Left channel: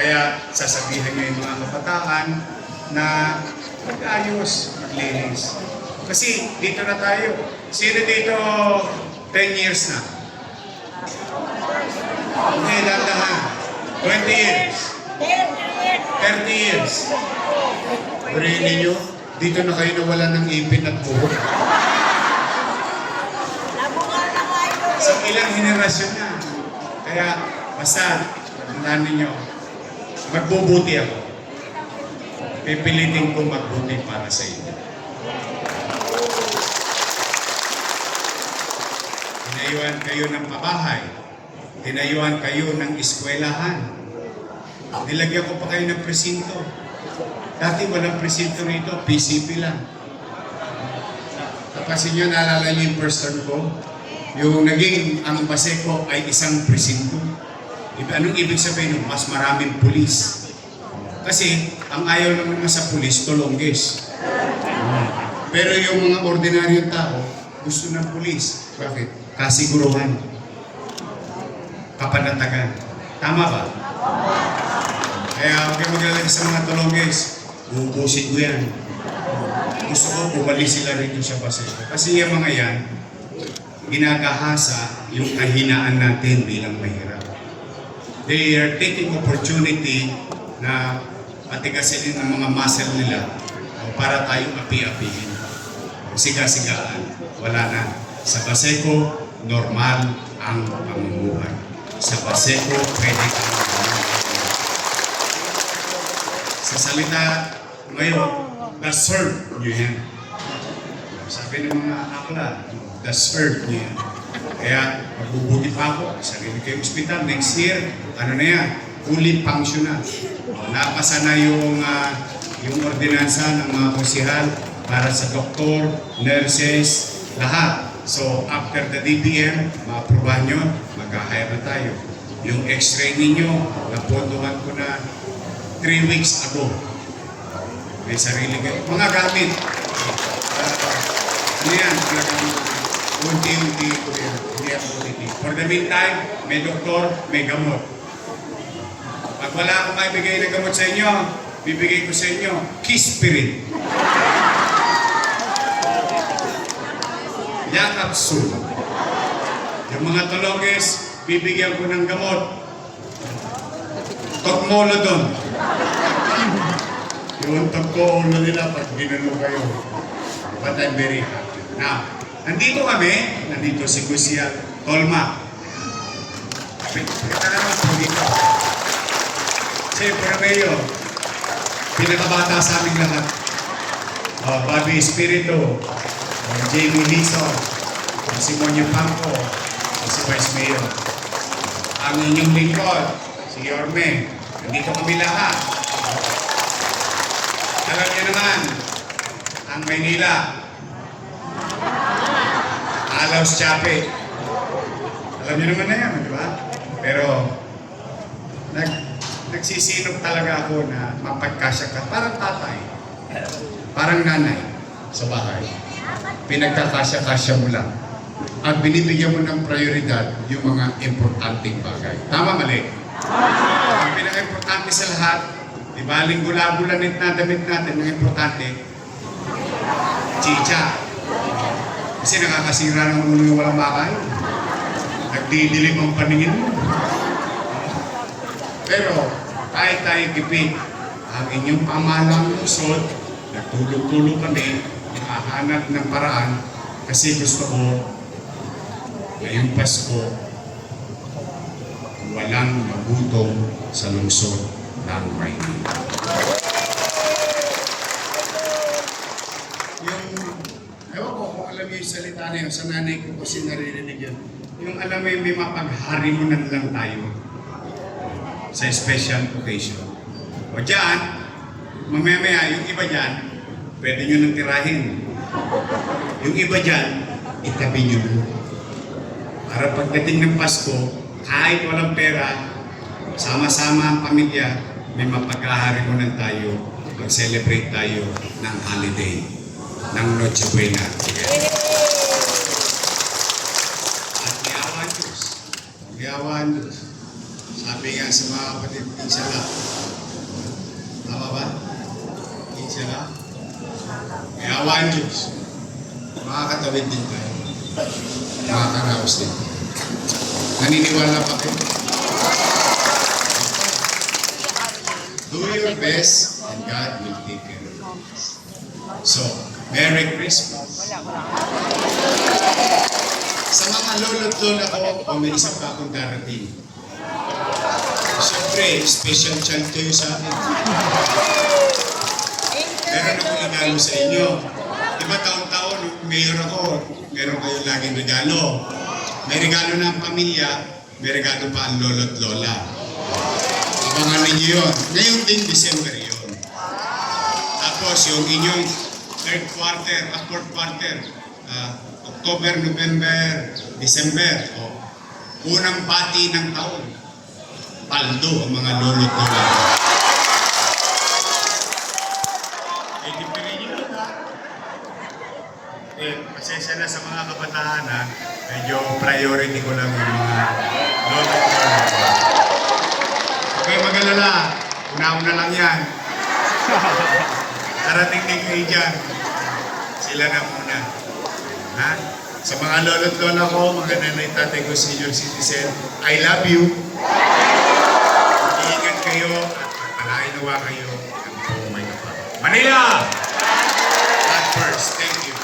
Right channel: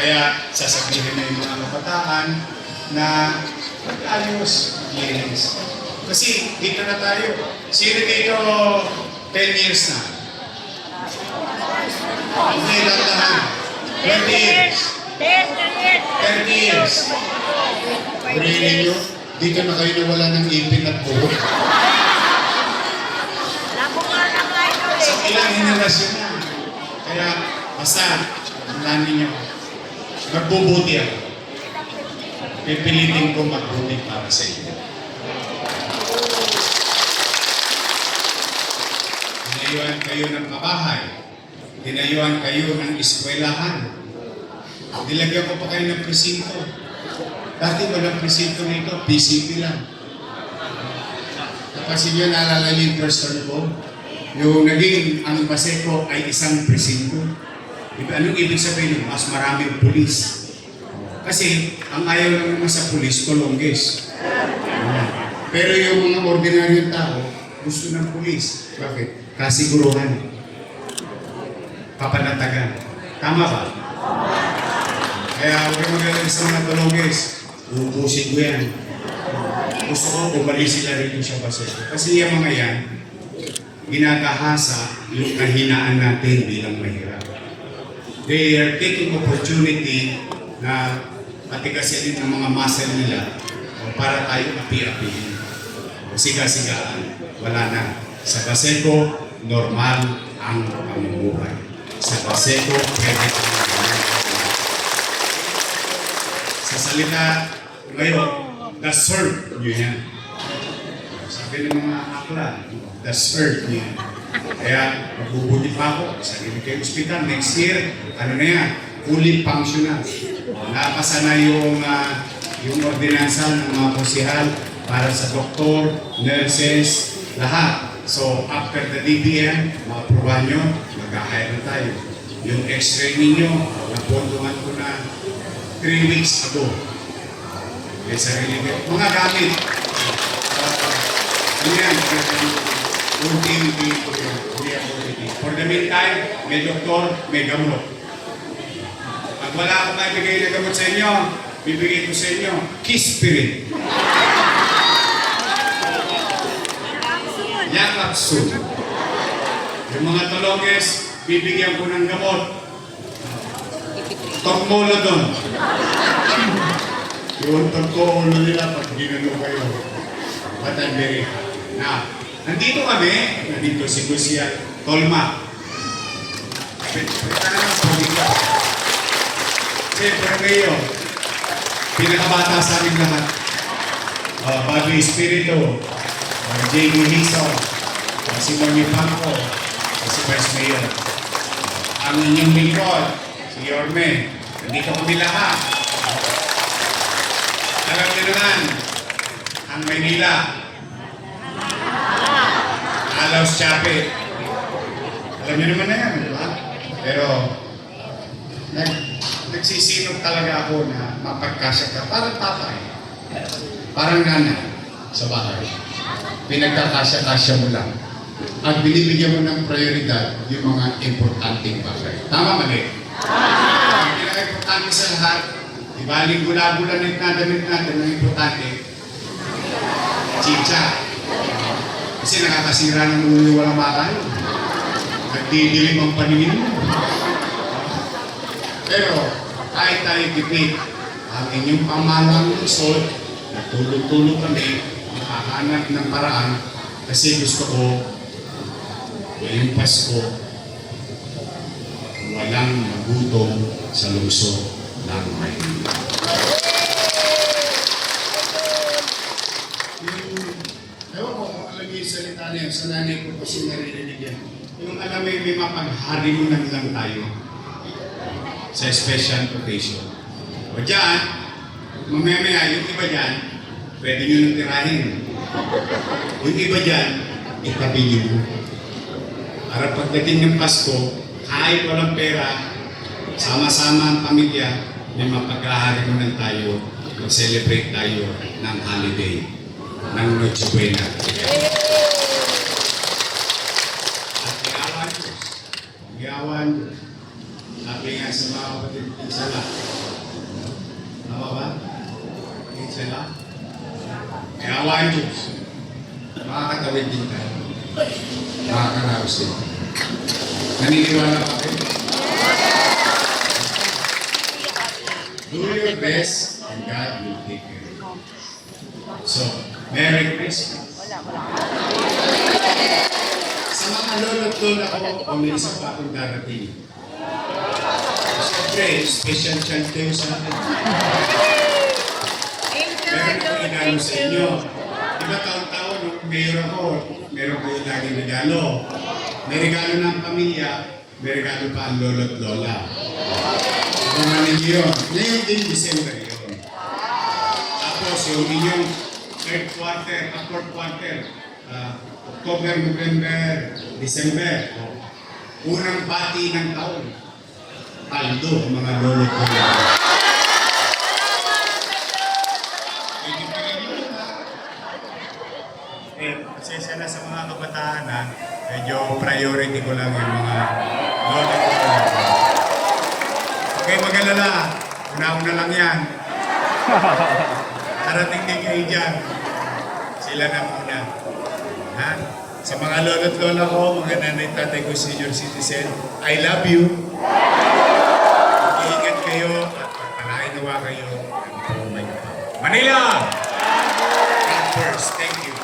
Kaya sasabihin niyo yung mga kabataan na mag-ayos, maglinis. Kasi dito na tayo. Sino dito 10 years na? Hindi, landahan. 20 years. 30 years. Barinig ninyo, dito na kayo nawala ng ipin at buhok. Sa ilang henerasyon na. Kaya, basta, tandaan ninyo, magbubuti ako. Pipilitin ko magbuti para sa inyo. Tinayuan kayo ng pabahay. Tinayuan kayo ng eskwelahan. Nilagyan ko pa kayo ng presinto. Dati walang presinto rito, PCP lang. Kasi nyo, naalala niyo yung first term ko? Yung naging ang Baseco ay isang presinto. Anong ibig sabihin? Mas maraming pulis. Kasi ang ayaw naman sa pulis, tulonggis. Pero yung mga ordinaryong tao, gusto ng pulis. Bakit? Kasiguruhan. Kapanatagan. Tama ba? Kaya huwag kayo maglalagay sa mga tulonggis. Ubusin ko yan. Gusto ko umalis sila rito sa Baseco. Kasi yung mga yan, ginagahasa yung kahinaan natin bilang mahirap. They are taking opportunity na matigasin ng mga muscle nila para tayo api-apihin. Siga-sigaan. Wala na. Sa Baseco, normal ang pamumuhay. Sa Baseco, pwede kang ganyan. Sa salita ngayon, deserve nyo yan. Sabi ng mga akla, deserve nyo yan. Kaya, magbubuti pa ako. Sarili kayo ospital. Next year, ano na yan? Fully functional. Napasa na yung ordinansa ng mga posihal para sa doktor, nurses, lahat. So, after the DBM, ma-aprobahan nyo, mag-hire na tayo. Yung x-ray ninyo, napondohan ko na 3 weeks ago. May sarili kayo. Mga gamit. Ano yan? Mga gamit. Unti-unti ko yan. Hindi ako unti. For the meantime, may doktor, may gamot. Pag wala akong maibigay na gamot sa inyo, bibigay ko sa inyo, Kispirin. Yakatsu. Yung mga tulonges, bibigyan ko ng gamot. Tokmolodon. Yung tokmolo nila pag ginano kayo. But I'm very happy. Now, nandito kami, nandito si Kuya Tolma. Pagkakaroon ng pagkika. Siyempre kayo, pinakabata sa aming lahat. Bobby Espiritu, Jamie Hison, si Monyo Pangko, si Vice Mayor. Ang inyong lingkod, si Yorme. Nandito kami lahat. Alam niyo naman, ang Maynila, Alaus Chapit. Alam niyo naman na yan, di ba? Pero, nagsisinok talaga ako na mapagkasya ka. Parang tatay. Parang nanay sa bahay. Pinagkakasya-kasya mo lang. At binibigyan mo ng prioridad yung mga importanteng bagay. Tama, mali? Ang pinaka-importante sa lahat, diba, linggo-lagulanit na damit natin ng importante, chicha. Kasi nakakasira ng ulo walang bakay. Nagdidilim ang paningin mo. Pero, kahit tayo tipid, ang inyong pamahalang lungsod, natulog-tulog kami, makahanap ng paraan, kasi gusto ko, ngayong Pasko, walang magutom sa lungsod ng Maynila. Ewan ko kung alam yung salita na yan, sa nanay ko kasi naririnig yan. Yung alam mo yung may mapagharimunan lang tayo sa special occasion. O dyan, mamaya yung iba dyan, pwede nyo nang tirahin. Yung iba dyan, itabi nyo. Para pagdating ng Pasko, kahit walang pera, sama-sama ang pamilya, may mapaghaharimunan tayo, mag-celebrate tayo ng holiday, ng Noche Buena. At liawan Diyos. Sabi nga sa mga kapatid, isa lang. Tama ba? Isa lang. May awa ang Diyos. Makakatawid din tayo. Makakaraos din. Naniniwala pa kayo? Do your best and God will take care of you. So, Merry Christmas. Sa mga lolo't lola ko, may isa pa akong darating. Siyempre, special child kayo sa akin. Meron akong regalo sa inyo. Diba taon-taon, nung mayor ako, meron kayo laging regalo. May regalo ng pamilya, may regalo pa ang lolo't lola. Abangan ninyo yun. Ngayon din, December yun. Tapos yung inyong fourth quarter, October, November, December, unang bati ng taon, paldo ang mga lolo't lola. Pili nyo yun, ha? Pasensya na sa mga kabataan, ha? Medyo priority ko lang yung mga lolo't lola. Okay, mag-alala. Una-una lang yan. Darating din kayo dyan. Sila na muna. Ha? Sa mga lolo't lola ko, mga nanay tatay ko, senior citizen, I love you. Ingat kayo at palainawa kayo ng buong may kapal. Manila! God first. Thank you.